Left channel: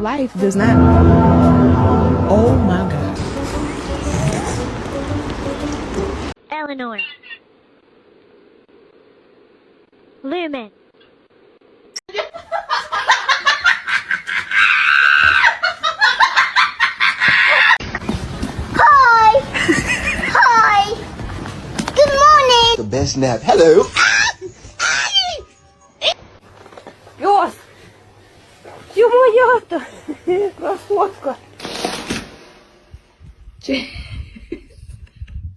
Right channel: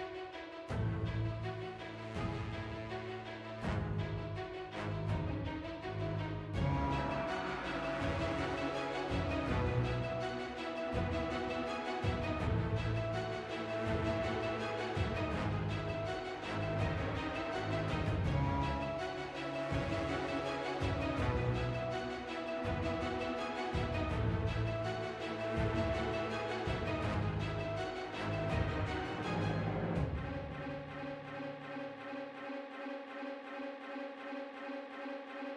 Life does not. Oh my God. Eleanor. Lumen. Hi! Hi! Good morning! The best nap. Hello. Йос! Ё-моё-то! Красотка!